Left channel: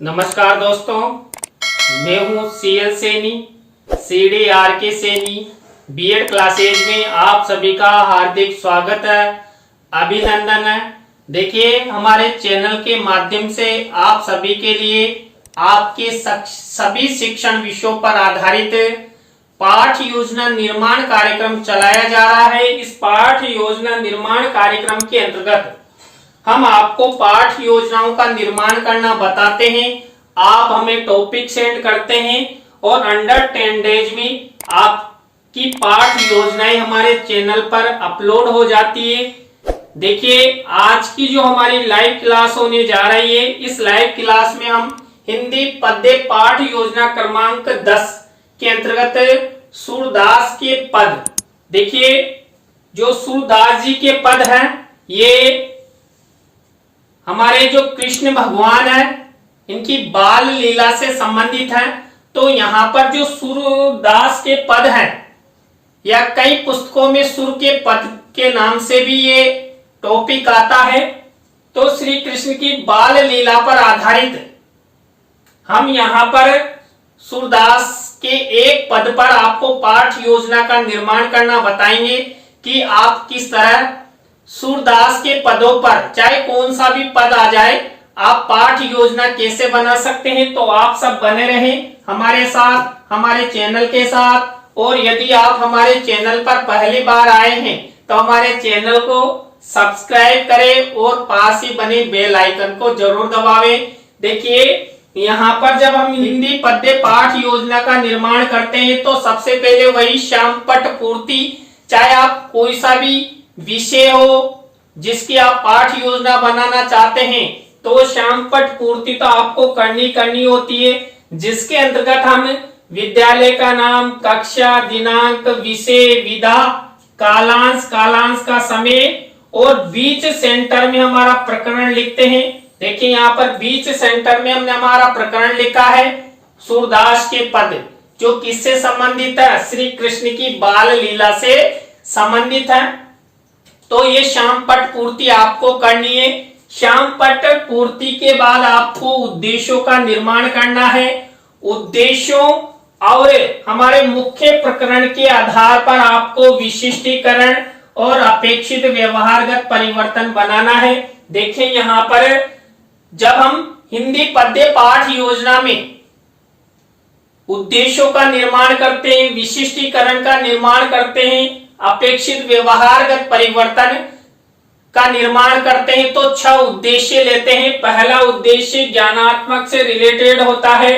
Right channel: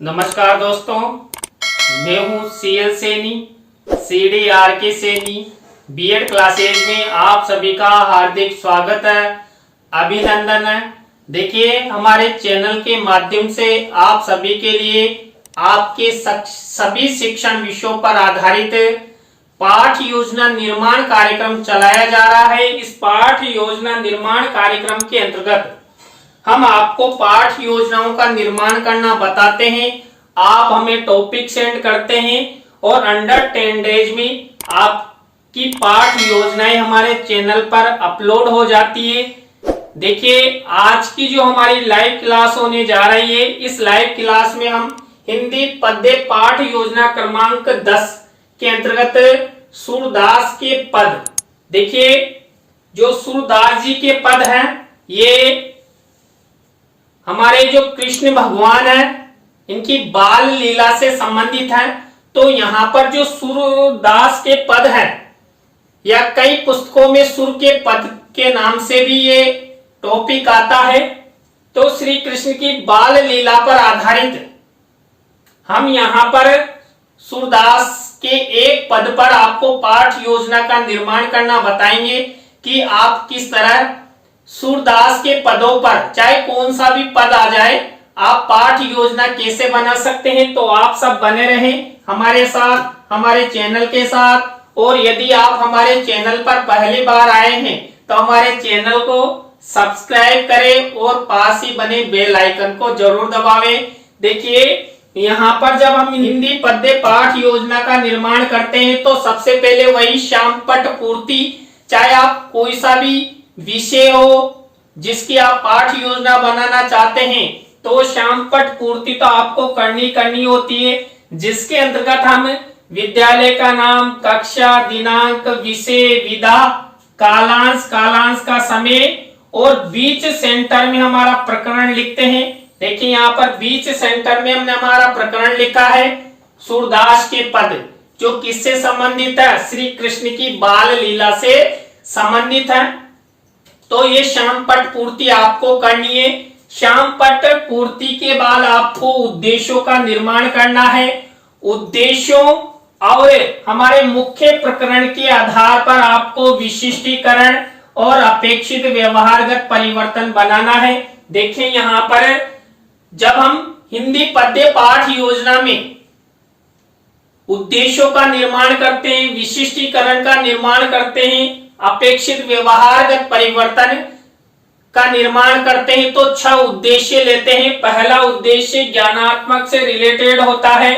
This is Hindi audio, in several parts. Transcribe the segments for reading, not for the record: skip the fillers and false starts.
नमस्कार दोस्तों, मैं हूँ CL Saini, CDRK Saini. BEd classes में आप सभी का हार्दिक स्वागत है, अभिनंदन है। देखिए, हमारे चैनल के माध्यम से आप सभी के लिए आपके सभी शिक्षण विषयों पर आधारित पाठ योजना निर्माण कार्यक्रम चलाया जा रहा है। इस पाठ योजना निर्माण कार्यक्रम के अंतर्गत हम आपको पाठ योजनाओं का निर्माण करना बताते हैं। आप हमें टॉपिक सेंड करते हैं और अंडर 10 डेज में आपकी पाठ योजनाएं हमारे चैनल पर अपलोड हो जाती है। देखिए, आज की जो हमारी लाइव क्लास होने जा रही है, इस लाइव क्लास में हम हिंदी पद्य पाठ योजना क्रमांक 10 के अंतर्गत सूरदास के पद, देखिए जो सूरदास जी के पद हैं, ये हमारे जो कृष्ण भगवान है, इनकी बाल लीला से संबंधित है। तो यहाँ पर जो सूरदास के पद हैं, या कई पुस्तकों में सुर के पद के नाम से भी ये टॉपिक आता है। तो श्री कृष्ण की बाल लीला पर आधारित हम यहाँ पर सूरदास के एक पद पर आपको पाठ योजना का निर्माण करना बताएंगे कि आप किस तरह सूरदास के पदों पर, चाहे कौन सा भी पद आ जाए, आप पाठ योजना कैसे बना सकते हैं। तो आप सब बने रहें हमारे साथ, हमारे चैनल के साथ। और यदि आप हमारे चैनल पर पहली बार आए हैं तो हमारे चैनल को सब्सक्राइब करें और पास ही बने बेल आइकन को जरूर दबावें। देखिए, यहाँ पर जब हम हिंदी पद्य पाठ योजना का निर्माण करते हैं तो सबसे पहले वही श्यामपट्ट पूर्ति, चाहे आप कोई सा भी विषय हो जिसकी आप पाठ योजना बनाना चाहते हैं, तो श्यामपट्ट पूर्ति तो आपको करनी होती है, जिसके अंतर्गत हम विद्यालय का नाम, कक्षा, दिनांक, विषय, विधा, कालांश का समय और बीच सेंटर में हमारा प्रकरण लिखते हैं। देखिए, यहाँ पर बीच सेंटर में हमने हमारा प्रकरण लिखा है सूरदास के पद, जो किससे संबंधित है, श्री कृष्ण की बाल लीला से संबंधित है। तो ये श्यामपट्ट पूर्ति आपको करनी है। श्यामपट्ट पूर्ति के बाद आपको उद्देश्यों का निर्माण करना है। उद्देश्यों और हमारे मुख्य प्रकरण के आधार पर आपको विशिष्टीकरण और अपेक्षित व्यवहारगत परिवर्तन बनाना है। देखें, यहाँ पर जब हम हिंदी पद्य पाठ योजना में उद्देश्यों का निर्माण करते हैं, विशिष्टीकरण का निर्माण करते हैं, अपेक्षित व्यवहारगत परिवर्तन का निर्माण करते हैं, तो 6 उद्देश्य लेते हैं। पहला उद्देश्य ज्ञानात्मक से रिलेटेड होता है।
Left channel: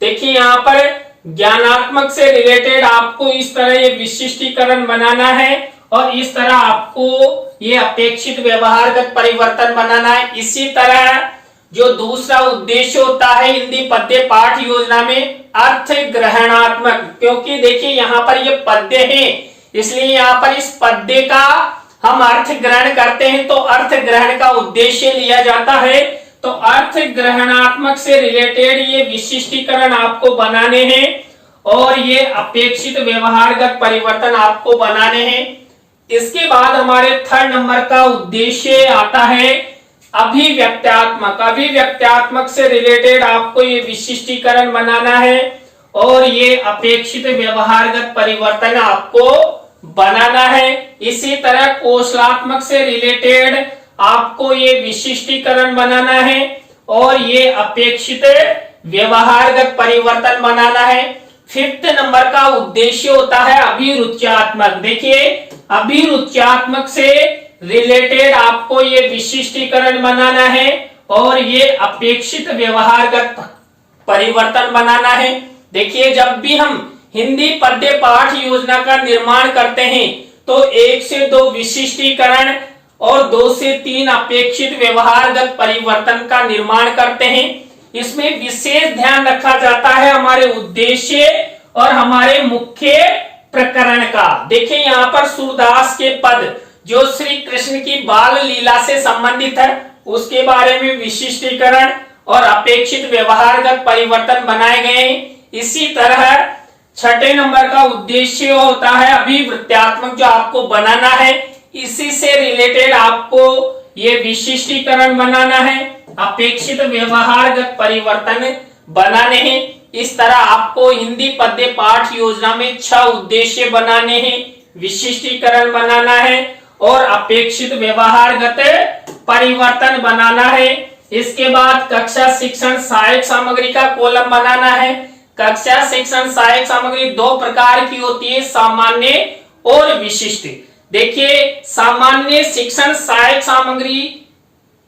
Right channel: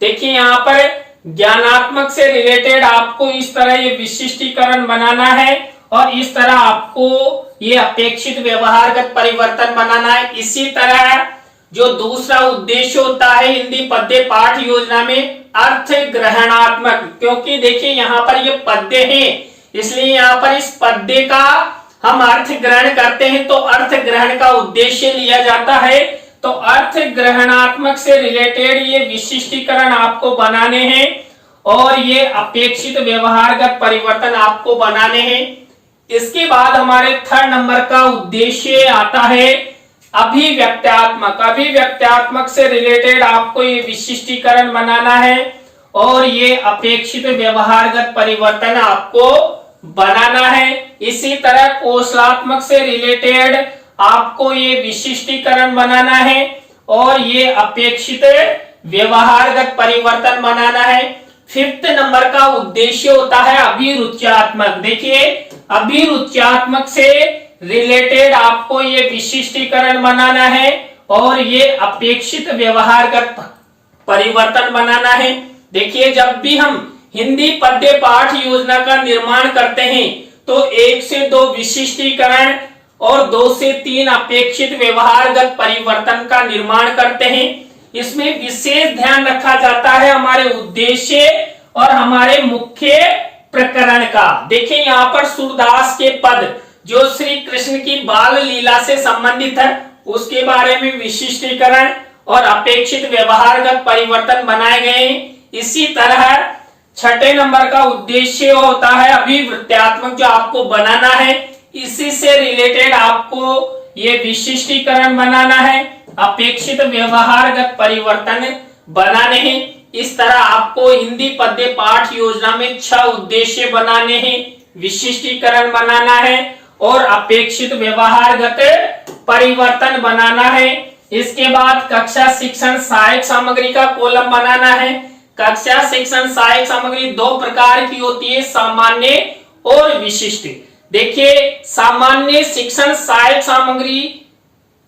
देखिए, यहाँ पर ज्ञानात्मक से रिलेटेड आपको इस तरह ये विशिष्टीकरण बनाना है और इस तरह आपको ये अपेक्षित व्यवहारगत परिवर्तन बनाना है। इसी तरह जो दूसरा उद्देश्य होता है हिंदी पद्य पाठ योजना में, अर्थ ग्रहणात्मक, क्योंकि देखिए यहाँ पर ये पद्य है, इसलिए यहाँ पर इस पद्य का हम अर्थ ग्रहण करते हैं, तो अर्थ ग्रहण का उद्देश्य लिया जाता है। तो अर्थ ग्रहणात्मक से रिलेटेड ये विशिष्टीकरण आपको बनाने हैं और ये अपेक्षित व्यवहारगत परिवर्तन आपको बनाने हैं। इसके बाद हमारे 3rd नंबर का उद्देश्य आता है अभिव्यक्त्यात्मक। अभिव्यक्त्यात्मक से रिलेटेड आपको ये विशिष्टीकरण बनाना है और ये अपेक्षित व्यवहारगत परिवर्तन आपको बनाना है। इसी तरह कौशलात्मक से रिलेटेड आपको ये विशिष्टीकरण बनाना है और ये अपेक्षित व्यवहारगत परिवर्तन बनाना है। 5th नंबर का उद्देश्य होता है अभिरुच्यात्मक। देखिए, अभिरुच्यात्मक से रिलेटेड आपको ये विशिष्टीकरण बनाना है और ये अपेक्षित व्यवहारगत परिवर्तन बनाना है। देखिए, जब भी हम हिंदी पद्य पाठ योजना का निर्माण करते हैं तो 1 से 2 विशिष्टीकरण और 2 से 3 अपेक्षित व्यवहारगत परिवर्तन का निर्माण करते हैं। इसमें विशेष ध्यान रखा जाता है हमारे उद्देश्य और हमारे मुख्य प्रकरण का। देखिए, यहाँ पर सूरदास के पद जो श्री कृष्ण की बाल लीला से संबंधित है, उसके बारे में विशिष्टीकरण और अपेक्षित व्यवहारगत परिवर्तन बनाए गए हैं। इसी तरह 6ठे नंबर का उद्देश्य होता है अभिवृत्त्यात्मक, जो आपको बनाना है। इसी से रिलेटेड आपको ये विशिष्टीकरण बनाना है, अपेक्षित व्यवहारगत परिवर्तन बनाने हैं। इस तरह आपको हिंदी पद्य पाठ योजना में 6 उद्देश्य बनाने हैं, विशिष्टीकरण बनाना है और अपेक्षित व्यवहारगत परिवर्तन बनाना है। इसके बाद कक्षा शिक्षण सहायक सामग्री का कॉलम बनाना है। कक्षा शिक्षण सहायक सामग्री 2 प्रकार की होती है, सामान्य और विशिष्ट। देखिए, सामान्य शिक्षण सहायक सामग्री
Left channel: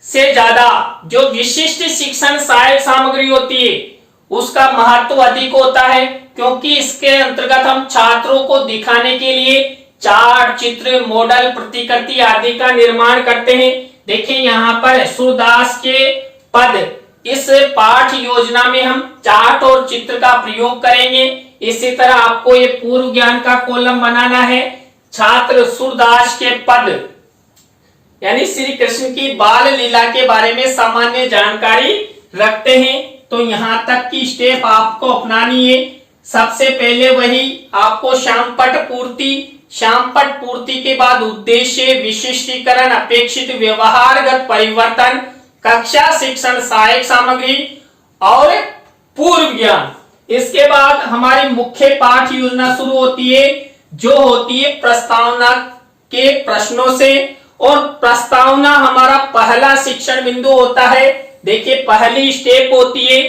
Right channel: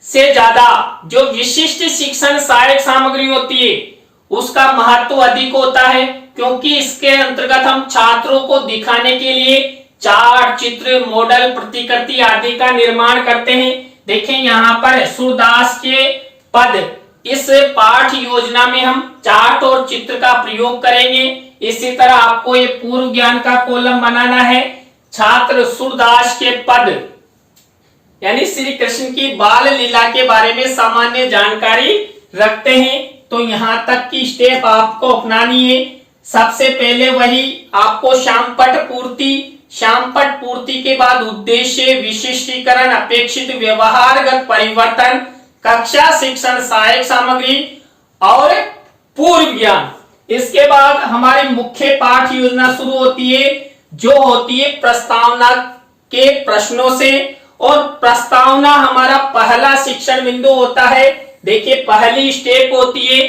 से ज्यादा जो विशिष्ट शिक्षण सहायक सामग्री होती है उसका महत्व अधिक होता है, क्योंकि इसके अंतर्गत हम छात्रों को दिखाने के लिए चार्ट, चित्र, मॉडल, प्रतिकृति आदि का निर्माण करते हैं। देखिए यहाँ पर सूरदास के पद, इस पाठ योजना में हम चार्ट और चित्र का प्रयोग करेंगे। इसी तरह आपको ये पूर्व ज्ञान का कॉलम बनाना है। छात्र सूरदास के पद यानी श्री कृष्ण की बाल लीला के बारे में सामान्य जानकारी रखते हैं, तो यहाँ तक की स्टेप आपको अपनानी है। सबसे पहले वही आपको श्यामपट पूर्ति, श्यामपट पूर्ति के बाद उद्देश्य, विशिष्टीकरण, अपेक्षित व्यवहारगत परिवर्तन, कक्षा शिक्षण सहायक सामग्री और पूर्व ज्ञान। इसके बाद हमारी मुख्य पाठ योजना शुरू होती है, जो होती है प्रस्तावना के प्रश्नों से। और प्रस्तावना हमारा पहला शिक्षण बिंदु होता है। देखिए, पहली स्टेप होती है,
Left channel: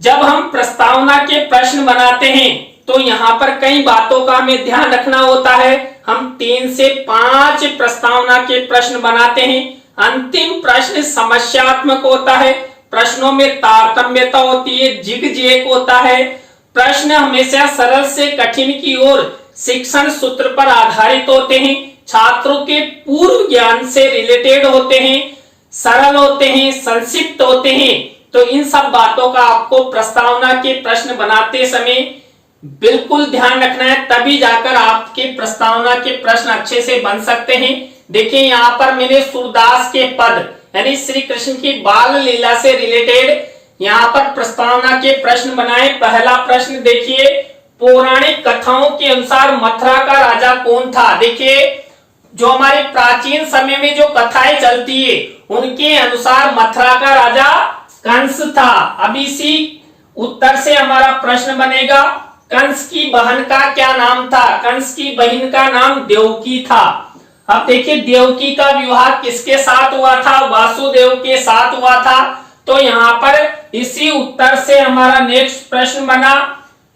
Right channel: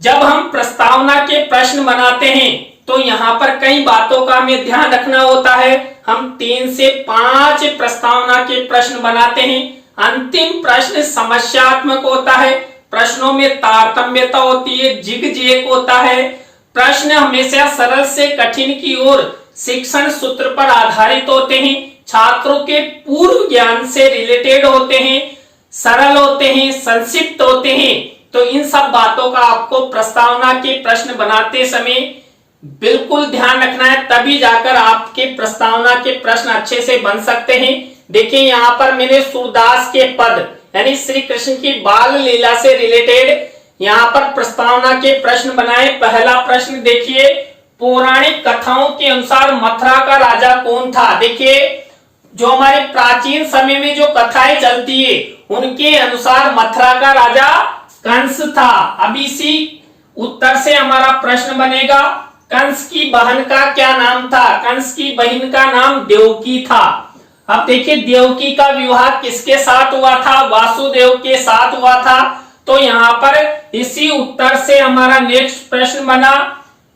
जब हम प्रस्तावना के प्रश्न बनाते हैं तो यहाँ पर कई बातों का हमें ध्यान रखना होता है। हम 3 से 5 प्रस्तावना के प्रश्न बनाते हैं। अंतिम प्रश्न समस्यात्मक होता है, प्रश्नों में तारतम्यता होती है, जिग-जैग होता है। प्रश्न हमेशा सरल से कठिन की ओर शिक्षण सूत्र पर आधारित होते हैं, छात्रों के पूर्व ज्ञान से रिलेटेड होते हैं, सरल होते हैं, संक्षिप्त होते हैं। तो इन सब बातों का आपको प्रस्तावना के प्रश्न बनाते समय बिल्कुल ध्यान रखना है, तभी जाकर आपके प्रस्तावना के प्रश्न अच्छे से बन सकते हैं। देखिए, यहाँ पर मैंने सूरदास के पद यानी श्री कृष्ण की बाल लीला से रिलेटेड यहाँ पर प्रस्तावना के प्रश्न बनाए। पहला प्रश्न देखिए, पौराणिक कथाओं के अनुसार मथुरा का राजा कौन था? देखिए, जो हमारे प्राचीन समय में जो कथाएं चलती है उनके अनुसार मथुरा का राजा कंस था। अब इसी उत्तर से हमारा प्रश्न बनेगा, कंस की बहन का क्या नाम था? कंस की बहन का नाम देवकी था। अब देखिए, देवकी का विवाह किसके साथ हुआ था? वासुदेव के साथ हुआ था। तो यहाँ पर इसी उत्तर से हमारा नेक्स्ट प्रश्न बना,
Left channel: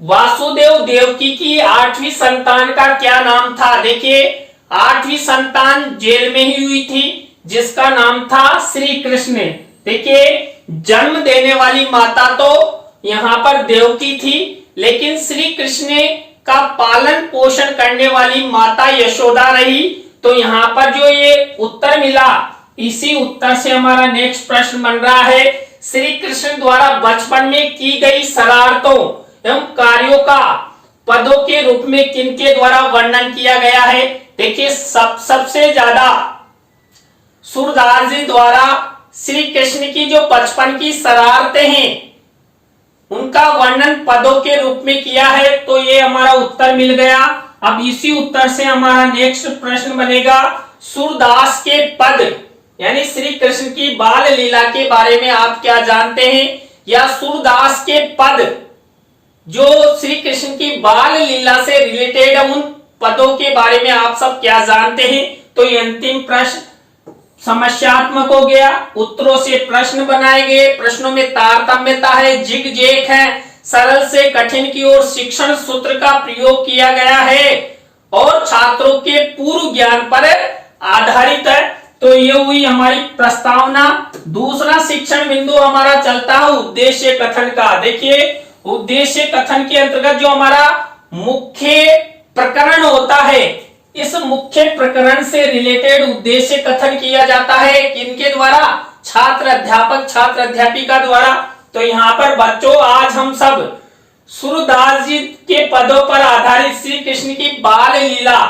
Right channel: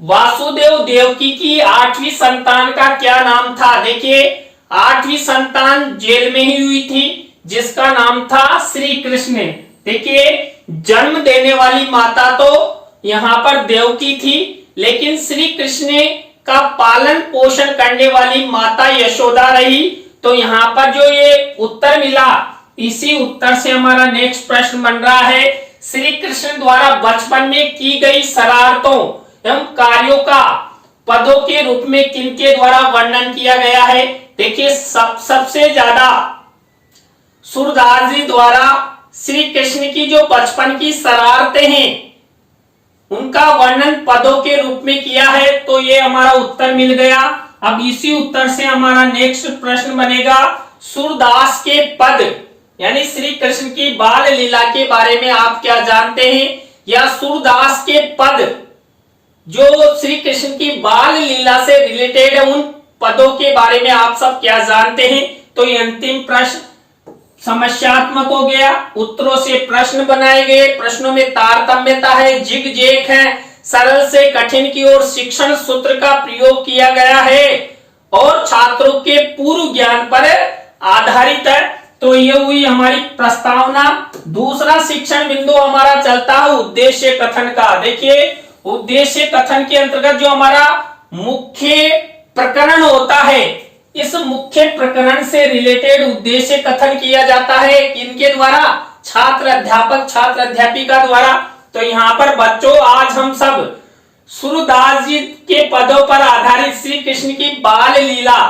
वासुदेव देवकी की 8वीं संतान का क्या नाम था? देखिए, 8वीं संतान जेल में ही हुई थी, जिसका नाम था श्री कृष्ण। देखिए, जन्म देने वाली माता तो यहाँ पर देवकी थी, लेकिन श्री कृष्ण का पालन पोषण करने वाली माता यशोदा रही। तो यहाँ पर जो ये उत्तर मिला, इसी उत्तर से हमारा नेक्स्ट प्रश्न बन रहा है, श्री कृष्ण द्वारा बचपन में की गई शरारतों एवं कार्यों का पदों के रूप में किनके द्वारा वर्णन किया गया है? देखिए, सबसे ज्यादा सूरदास जी द्वारा श्री कृष्ण की जो बचपन की शरारतें हैं उनका वर्णन पदों के रूप में किया है। तो ये हमारा उत्तर मिल गया। अब इसी उत्तर से हमारा नेक्स्ट प्रश्न बनेगा, सूरदास के पद यानी श्री कृष्ण की बाल लीला के बारे में आप क्या जानते हैं? या सूरदास के पद जो श्री कृष्ण की बाल लीला से रिलेटेड है, उन पदों के बारे में आप सब क्या जानते हैं? तो ये अंतिम प्रश्न समस्यात्मक हो गया। उत्तरों से प्रश्न बनाए गए, प्रश्नों में तारतम्यता है, जिग-जैग है, सरल से कठिन की ओर शिक्षण सूत्र का प्रयोग किया गया है और छात्रों के पूर्व ज्ञान पर आधारित है। तो ये हुई हमारी प्रस्तावना। दूसरा शिक्षण बिंदु हमारा चलता है उद्देश्य कथन का। देखिए, उद्देश्य कथन के अंतर्गत जो हमारा मुख्य प्रकरण होता है, इस मुख्य प्रकरण से रिलेटेड उद्देश्य कथन किया जाता है किनके द्वारा? छात्र अध्यापक, छात्र अध्यापिका द्वारा। तो यहाँ पर बच्चों, आज हम सब सूरदास जी के पदों पर आधारित श्री कृष्ण की बाल लीला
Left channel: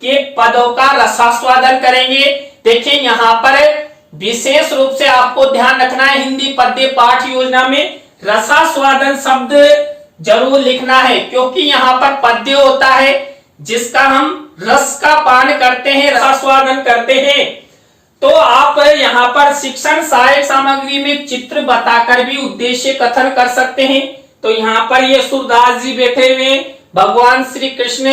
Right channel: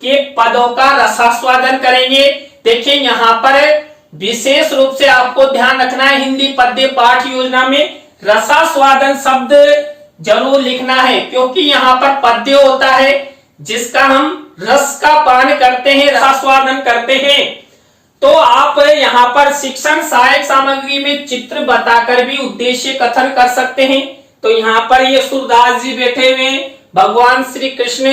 के पदों का रसास्वादन करेंगे। देखिए, यहाँ पर विशेष रूप से आपको ध्यान रखना है, हिंदी पद्य पाठ योजना में रसास्वादन शब्द जरूर लिखना है, क्योंकि यहाँ पर पद्य होता है जिसका हम रस का पान करते हैं, रसास्वादन करते हैं। तो आप यहाँ पर शिक्षण सहायक सामग्री में चित्र बताकर भी उद्देश्य कथन कर सकते हैं। तो यहाँ पर ये सूरदास जी बैठे हुए हैं, भगवान श्री कृष्ण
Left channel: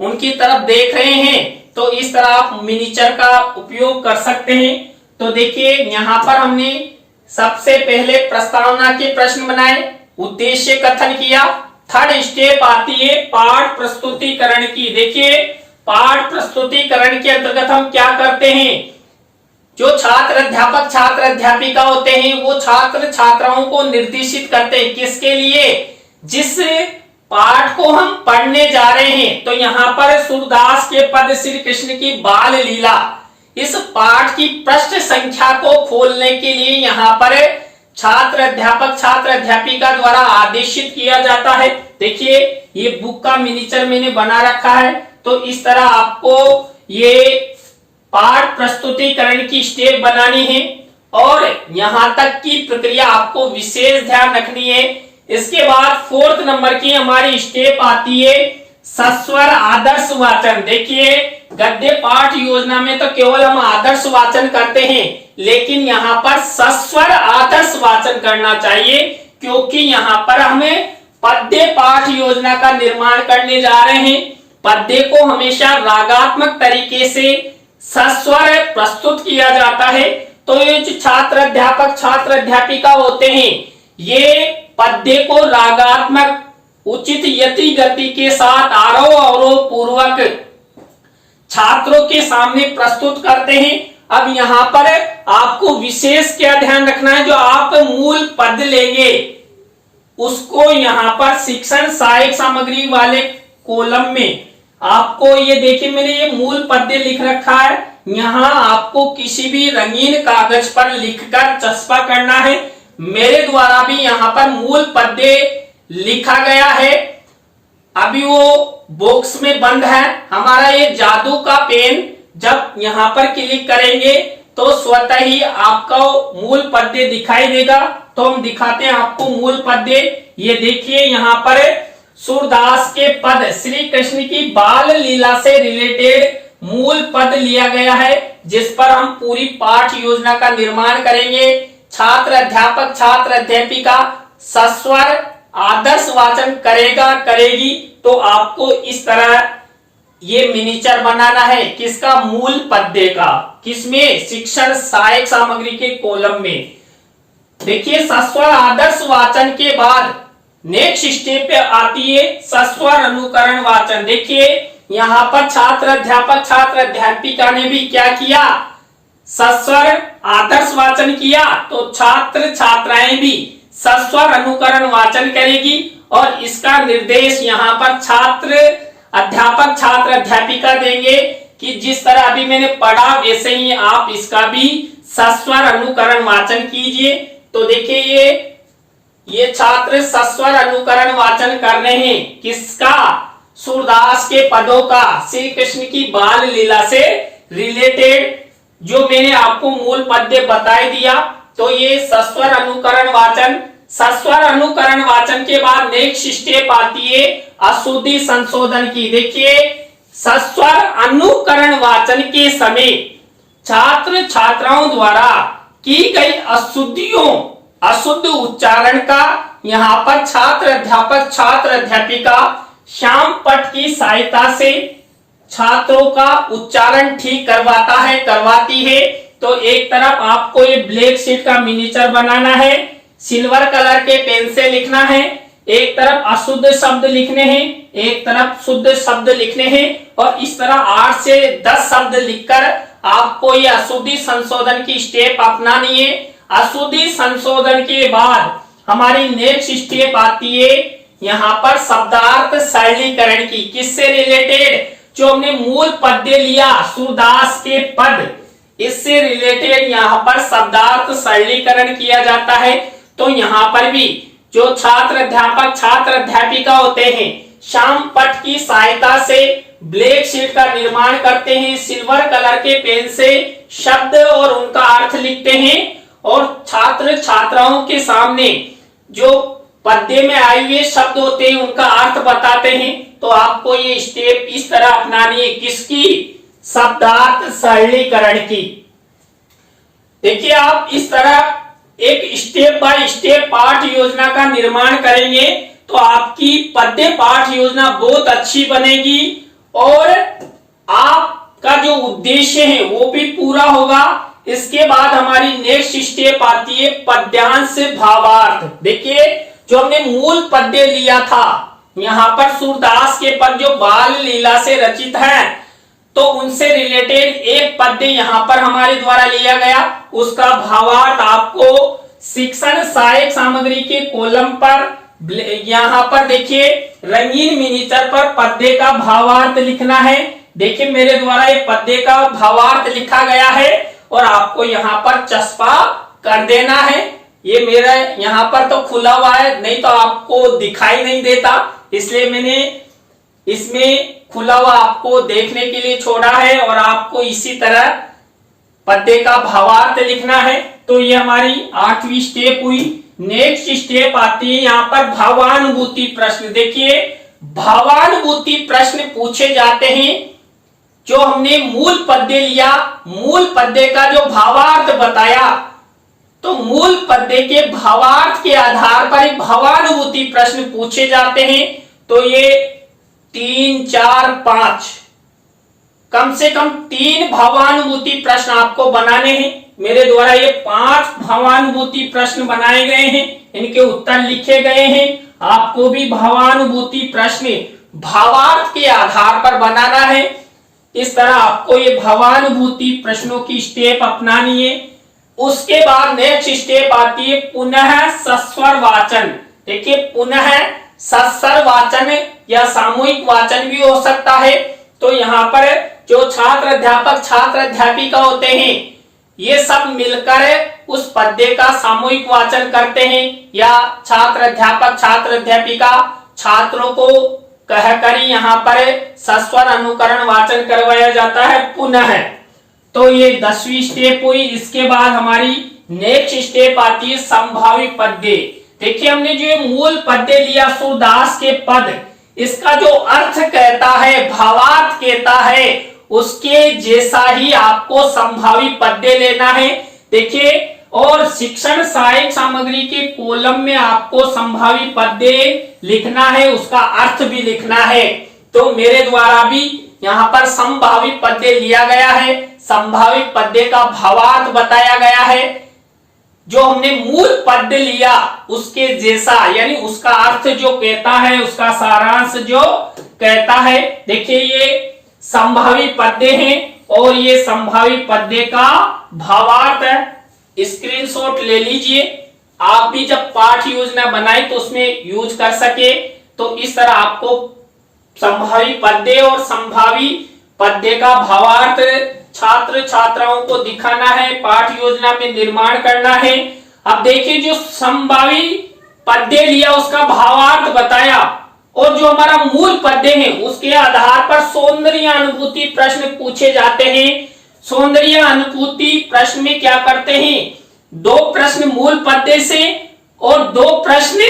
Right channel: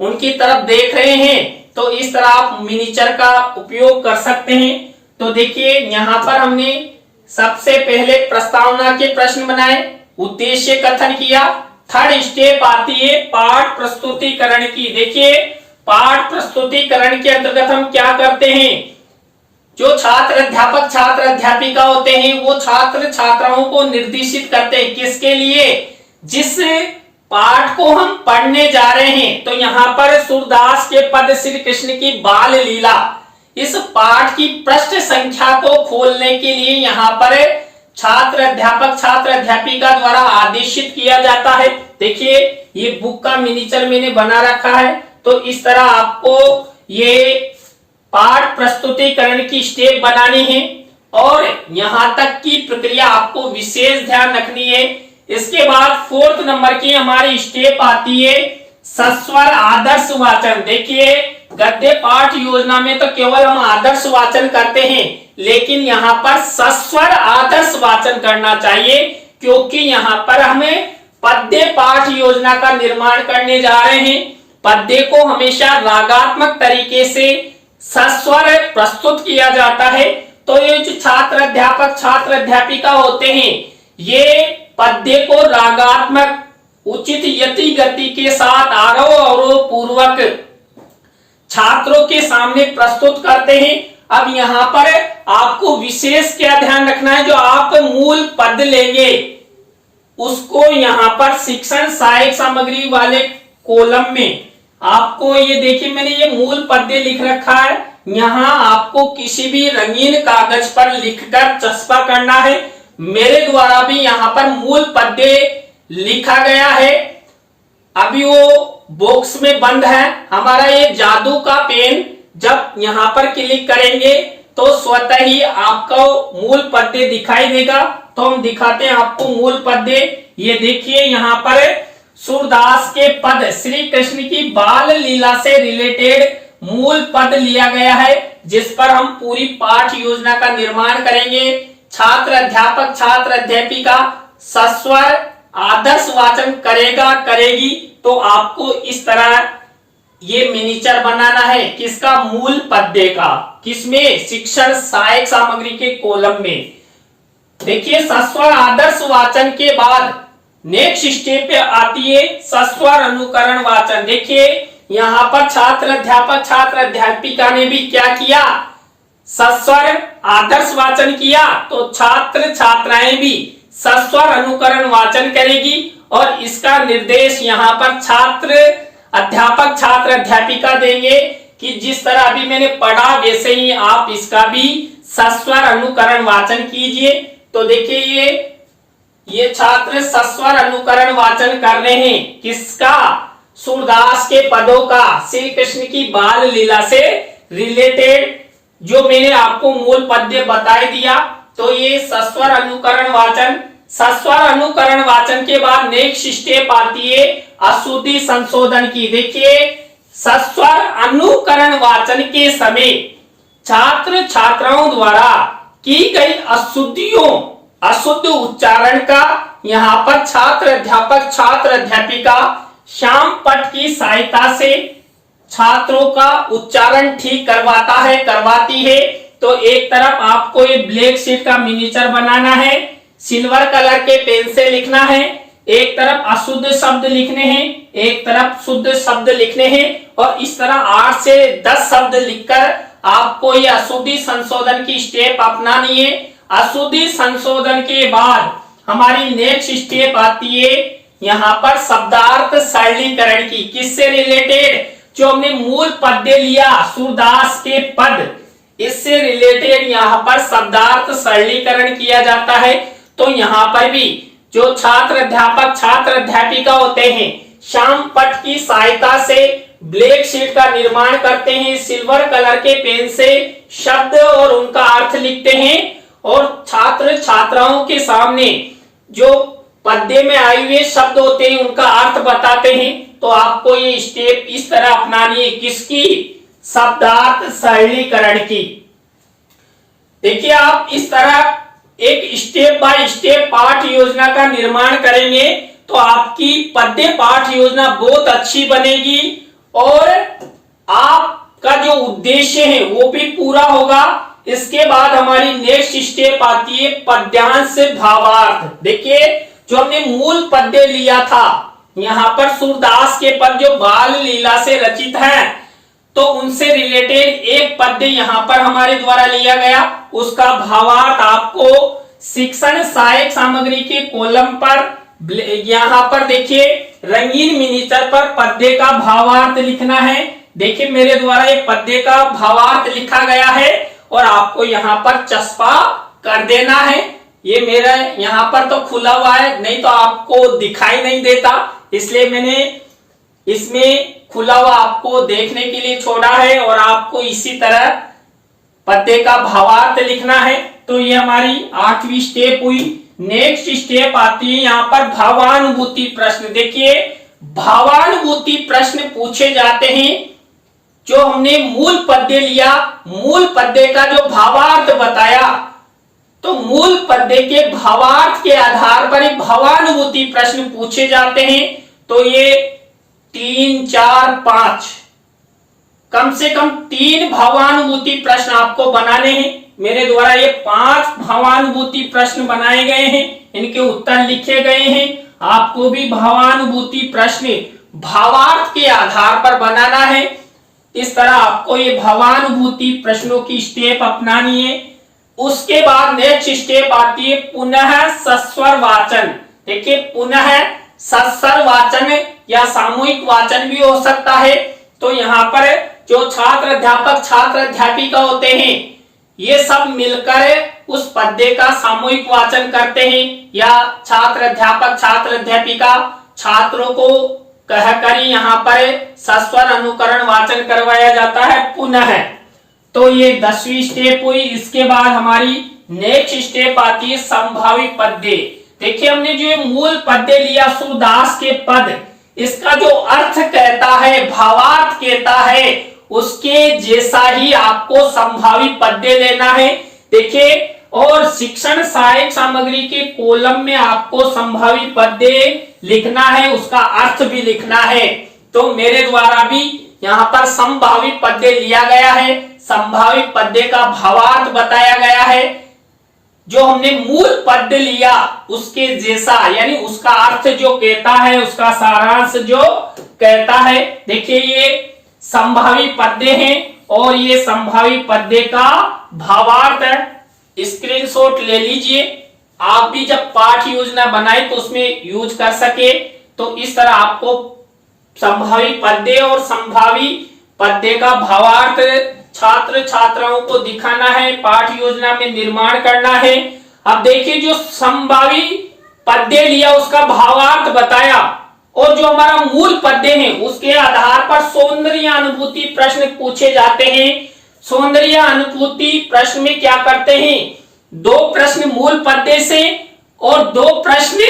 उनकी तरफ देख रहे हैं। तो इस तरह आप मिनिएचर का उपयोग कर सकते हैं। तो देखिए यहाँ पर हमने सबसे पहले प्रस्तावना के प्रश्न बनाए, उद्देश्य कथन किया। थर्ड स्टेप आती है पाठ प्रस्तुतिकरण की। देखिए पाठ प्रस्तुतिकरण के अंतर्गत हम क्या करते हैं, जो छात्र अध्यापक छात्र अध्यापिका होते हैं वो छात्र छात्राओं को निर्देशित करते हैं किसके लिए, जिस पाठ को हम पढ़ने जा रहे हैं। तो यहाँ पर सूरदास के पद श्री कृष्ण की बाल लीला, इस पाठ की पृष्ठ संख्या को खोलने के लिए यहाँ पर छात्र अध्यापक छात्र अध्यापिका द्वारा आदेशित किया जाता है। देखिए ये बुक का मिनिएचर मैंने बना रखा है। तो इस तरह आपको ये पाठ प्रस्तुतिकरण की स्टेप बनानी है और यहां तक की प्रक्रिया आपको विशेष ध्यान रखनी है। इसके बाद फोर्थ नंबर की हमारी स्टेप आती है सस्वर आदर्श वाचन। देखिए गद्य पाठ योजना में तो केवल हम आदर्श वाचन करते हैं, लेकिन यहाँ पर सस्वर आदर्श वाचन करना चाहिए, क्योंकि यहाँ पर हमें पद्य पाठ योजना का निर्माण करने जा रहे हैं। पद्य को हमेशा रागात्मक तरीके से सस्वर प्रस्तुत किया जाता है। तो ये जो छात्र अध्यापक छात्र अध्यापिका होते हैं ये पद्य को रागात्मक उचित यति गति के साथ आरोह अवरोह पूर्वक छात्रों के सामने प्रस्तुत करते हैं। अब यहाँ पर आपको विशेष क्या ध्यान रखना है, जो आप मूल पद लेंगे उसको यहाँ पर शिक्षण सहायक सामग्री वाले कॉलम में आपको ये देखिए मैंने ये मूल पद्य लिख रखा है। यहाँ आपको किसी भी रंगीन कागज पर लिखकर चस्पा करना है। मेरे द्वारा भी यहाँ पर मूल पद्य लिखा गया है। अभी वो बॉक्स में बंद है। हमारा ये जादू का पेन जब यहाँ पर क्लिक करेंगे तो स्वतः ही आपको मूल पद्य दिखाई देगा। तो हम दिखाते हैं आपको मूल पद्य। ये देखिए यहाँ पर सूरदास के पद श्री कृष्ण की बाल लीला से रिलेटेड मूल पद लिया गया है, जिस पर हम पूरी पाठ योजना का निर्माण करेंगे। छात्र अध्यापक छात्र अध्यापिका सस्वर आदर्श वाचन करेगा करेगी। तो आपको इस तरह ये मिनिएचर बनाना है किसका, मूल पद्य का। किसमें, शिक्षण सहायक सामग्री के कॉलम में। देखिए सस्वर आदर्श वाचन के बाद नेक्स्ट स्टेप पे आती है सस्वर अनुकरण वाचन। देखिए यहाँ पर छात्र अध्यापक छात्र अध्यापिका ने भी क्या किया, सस्वर आदर्श वाचन किया। तो छात्र छात्राएं भी सस्वर अनुकरण वाचन करेगी और इसका निर्देश यहाँ पर छात्र अध्यापक छात्र अध्यापिका देंगे कि जिस तरह अभी मैंने पढ़ा वैसे ही आप इसका भी सस्वर अनुकरण वाचन कीजिए। तो देखिए ये छात्र सस्वर अनुकरण वाचन कर रहे हैं किसका, सूरदास के पदों का श्री कृष्ण की बाल लीला से रिलेटेड जो मैंने आपको मूल पद्य बताई दिया। तो ये सस्वर अनुकरण वाचन। सस्वर अनुकरण वाचन के बाद नेक्स्ट स्टेप आती है अशुद्धि संशोधन की। देखिए सस्वर अनुकरण वाचन के समय छात्र छात्राओं द्वारा की गई अशुद्धियों अशुद्ध उच्चारण का यहाँ पर छात्र अध्यापक छात्र अध्यापिका श्याम पट की सहायता से छात्रों का उच्चारण ठीक करवाता है करवाती है। तो एक तरफ आपको ये ब्लैक शीट का मिनिएचर बनाना है, सिल्वर कलर के पेन से लिखना है। एक तरफ अशुद्ध शब्द लिखने हैं, एक तरफ शुद्ध शब्द लिखने हैं और इस तरह 8 से 10 शब्द लिखकर आपको ये अशुद्धि संशोधन की स्टेप अपनानी है। अशुद्धि संशोधन के बाद हमारी नेक्स्ट स्टेप आती है यहाँ पर शब्दार्थ सरलीकरण की। किससे रिलेटेड, जो हमने मूल पद्य लिया सूरदास के पद, इससे रिलेटेड यहाँ पर शब्दार्थ सरलीकरण किया जाता है। तो यहाँ पर भी जो छात्र अध्यापक छात्र अध्यापिका होते हैं श्याम पट की सहायता से ब्लैक शीट का निर्माण करते हैं, सिल्वर कलर के पेन से शब्द और उनका अर्थ लिखते हैं और छात्र छात्राओं के सामने जो पद्य में आए हुए शब्द होते हैं उनका अर्थ बताते हैं। तो आपको ये स्टेप इस तरह अपनानी है किसकी, शब्दार्थ सरलीकरण की। देखिए आप इस तरह एक स्टेप बाय स्टेप पाठ योजना का निर्माण करेंगे तो आपकी पद्य पाठ योजना बहुत अच्छी बनेगी और आपका जो उद्देश्य है वो भी पूरा होगा। इसके बाद हमारी नेक्स्ट स्टेप आती है पद्यांश भावार्थ। देखिए जो हमने मूल पद्य लिया था, यहाँ पर सूरदास के पद जो बाल लीला से रचित है, तो उनसे रिलेटेड एक पद्य यहाँ पर हमारे द्वारा लिया गया, उसका भावार्थ आपको शिक्षण सहायक सामग्री के कॉलम पर यहाँ पर देखिए रंगीन मिनीचर पर पद्य का भावार्थ लिखना है। देखिए मेरे द्वारा एक पद्य का भावार्थ लिखा गया है और आपको यहाँ पर चस्पा कर देना है। ये मेरा यहाँ पर तो खुला हुआ है, नहीं तो आपको दिखाई नहीं देता, इसलिए मैंने इसमें खुला हुआ आपको देखने के लिए छोड़ा है और आपको इसी तरह पद्य का भावार्थ लिखना है। तो ये हमारी 8वीं स्टेप हुई। नेक्स्ट स्टेप आती है यहाँ पर भावानुभूति प्रश्न। देखिए भावानुभूति प्रश्न पूछे जाते हैं। जो हमने मूल पद्य लिया, मूल पद्य का जो भावार्थ बताया, तो मूल पद्य के भावार्थ के आधार पर भावानुभूति प्रश्न पूछे जाते हैं। तो ये 3, 4, 5 कम से कम 3 भावानुभूति प्रश्न आपको बनाने हैं। मेरे द्वारा ये 5 भावानुभूति प्रश्न बनाए गए हैं, इनके उत्तर लिखे गए हैं। आपको भी भावानुभूति प्रश्न भावार्थ के आधार पर बनाना है। इस तरह आपको ये भावानुभूति प्रश्नों की स्टेप अपनानी है। उसके बाद नेक्स्ट स्टेप आती है पुनः सस्वर वाचन। देखिए पुनः सस्वर वाचन या सामूहिक वाचन भी हो सकता है। तो यहाँ पर जो छात्र अध्यापक छात्र अध्यापिका होते हैं, ये सब मिलकर उस पद्य का सामूहिक वाचन करते हैं, या छात्र अध्यापक छात्र अध्यापिका छात्रों को कहकर यहाँ पर सस्वर अनुकरण वाचन करवाया जाता है पुनः। तो ये 10वीं स्टेप हुई। इसके बाद हमारी नेक्स्ट स्टेप आती है संभावी पद्य। देखिए हमने जो मूल पद्य लिया सूरदास के पद, इसका जो अर्थ कहता है, भावार्थ कहता है, उसके जैसा ही आपको संभावी पद्य लेना है। देखिए और शिक्षण सहायक सामग्री के कॉलम में आपको संभावी पद्य लिखना है, उसका अर्थ भी लिखना है। तो मेरे द्वारा भी यहाँ पर संभावी पद्य लिया गया है, संभावी पद्य का भावार्थ बताया गया है। जो हमने मूल पद्य लिया उसके जैसा, यानी उसका अर्थ जो कहता है, उसका सारांश जो कहता है। देखिए ये संभावी पद्य है और ये संभावी पद्य का भावार्थ है। स्क्रीनशॉट ले लीजिए, आप भी जब पाठ योजना बनाए तो उसमें यूज कर सके। तो इस तरह आपको संभावी पद्य और संभावी पद्य का भावार्थ छात्र छात्राओं को दिखाना है, पाठ योजना में निर्माण करना है। अब देखिए जो संभावी पद्य लिया उसका भावार्थ बताया और जो हमारा मूल पद्य है उसके आधार पर सौंदर्य अनुभूति प्रश्न पूछे जाते हैं। सौंदर्य अनुभूति प्रश्न में क्या करते हैं, 2 प्रश्न मूल पद्य से और 2 प्रश्न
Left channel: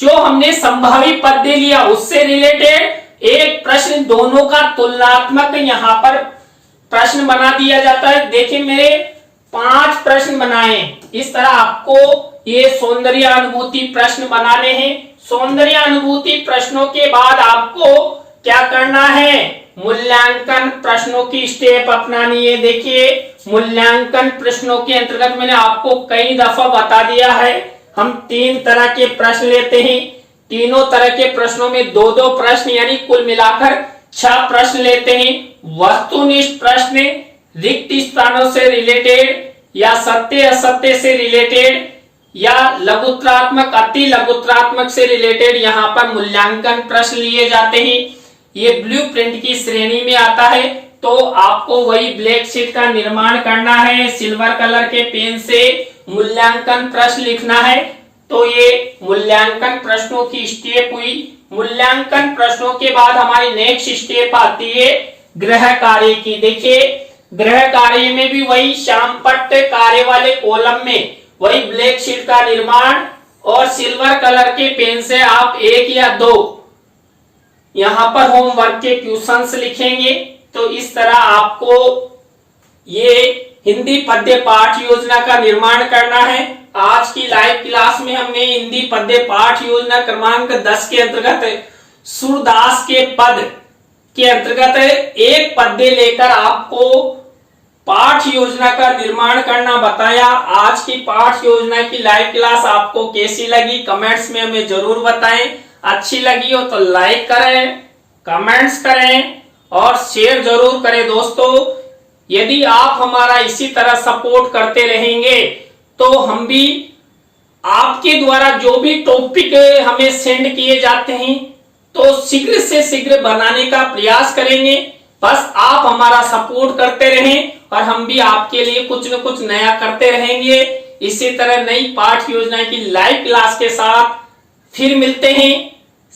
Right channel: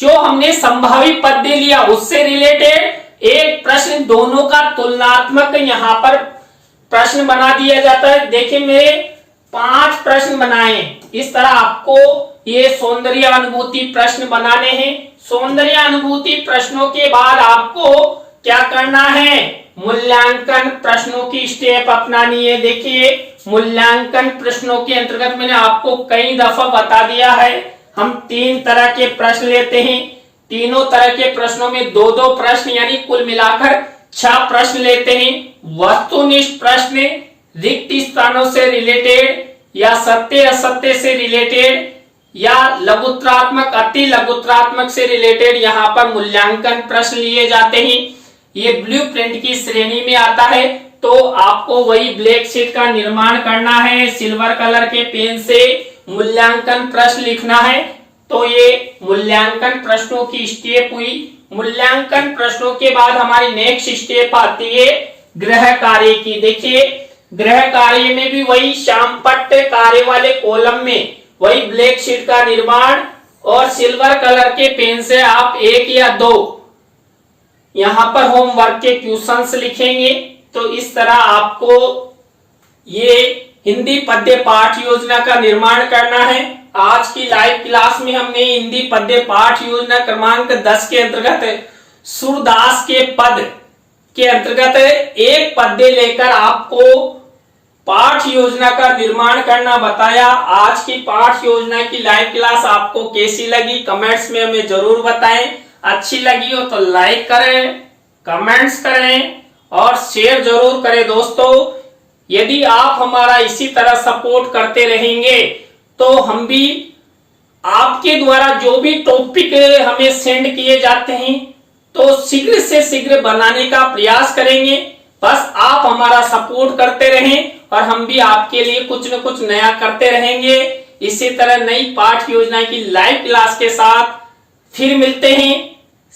जो हमने संभावी पद्य लिया उससे रिलेटेड, एक प्रश्न दोनों का तुलनात्मक यहाँ पर प्रश्न बना दिया जाता है। देखिए मेरे 5 प्रश्न बनाए, इस तरह आपको ये सौंदर्य अनुभूति प्रश्न बनाने हैं। सौंदर्य अनुभूति प्रश्नों के बाद आपको क्या करना है, मूल्यांकन प्रश्नों की स्टेप अपनानी है। देखिए मूल्यांकन प्रश्नों के अंतर्गत मैंने आपको कई दफा बता दिया है, हम 3 तरह के प्रश्न लेते हैं। तीनों तरह के प्रश्नों में 2-2 प्रश्न यानी कुल मिलाकर 6 प्रश्न लेते हैं। वस्तुनिष्ठ प्रश्न रिक्त स्थानों से रिलेटेड या सत्य असत्य से रिलेटेड या लघुत्रात्मक अति लघुत्रात्मक से रिलेटेड यहाँ पर मूल्यांकन प्रश्न लिए जाते हैं। ये ब्लूप्रिंट की श्रेणी में आता है। तो आपको वही ब्लैक शीट का निर्माण करना है, सिल्वर कलर के पेन से मूल्यांकन प्रश्न लिखना है। तो ये मूल्यांकन प्रश्नों की स्टेप हुई। मूल्यांकन प्रश्नों के बाद हमारी नेक्स्ट स्टेप आती है गृह कार्य की। देखिए गृह कार्य में भी वही श्यामपट्ट कार्य वाले कॉलम में वही ब्लैक शीट का निर्माण और सिल्वर कलर के पेन से आप 1 या 2 यहाँ पर होमवर्क के क्वेश्चंस लिखेंगे। तो इस तरह आपको ये हिंदी पद्य पाठ योजना का निर्माण करना है। आज की लाइव क्लास में हमने हिंदी पद्य पाठ योजना क्रमांक 10 के अंतर्गत सूरदास के पद के अंतर्गत एक पद्य लेकर आपको पाठ योजना का निर्माण करना बताया। आज की पाठ योजना की लाइव क्लास आपको कैसी लगी कमेंट्स में हमें जरूर बताएं। अच्छी लगी हो तो लाइक करें, कमेंट्स करें और शेयर जरूर करें दोस्तों। यदि आप हमारा इसी तरह सपोर्ट करते रहेंगे तो हम भी आपके द्वारा जो भी टॉपिक हमें सेंड किए जाते हैं तो शीघ्र से शीघ्र बनाने का प्रयास करेंगे। बस आप हमारा सपोर्ट करते रहें और हम भी आपके लिए कुछ न कुछ नया करते रहेंगे। इसी तरह नई पाठ योजना की लाइव क्लास के साथ फिर मिलते हैं।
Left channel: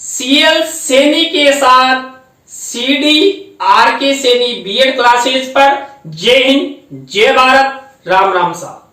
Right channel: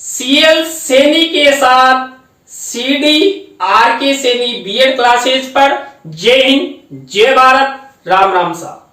सीएल सैनी के साथ CDRK सैनी बीएड क्लासेज पर। जय हिंद, जय भारत, राम राम साहब।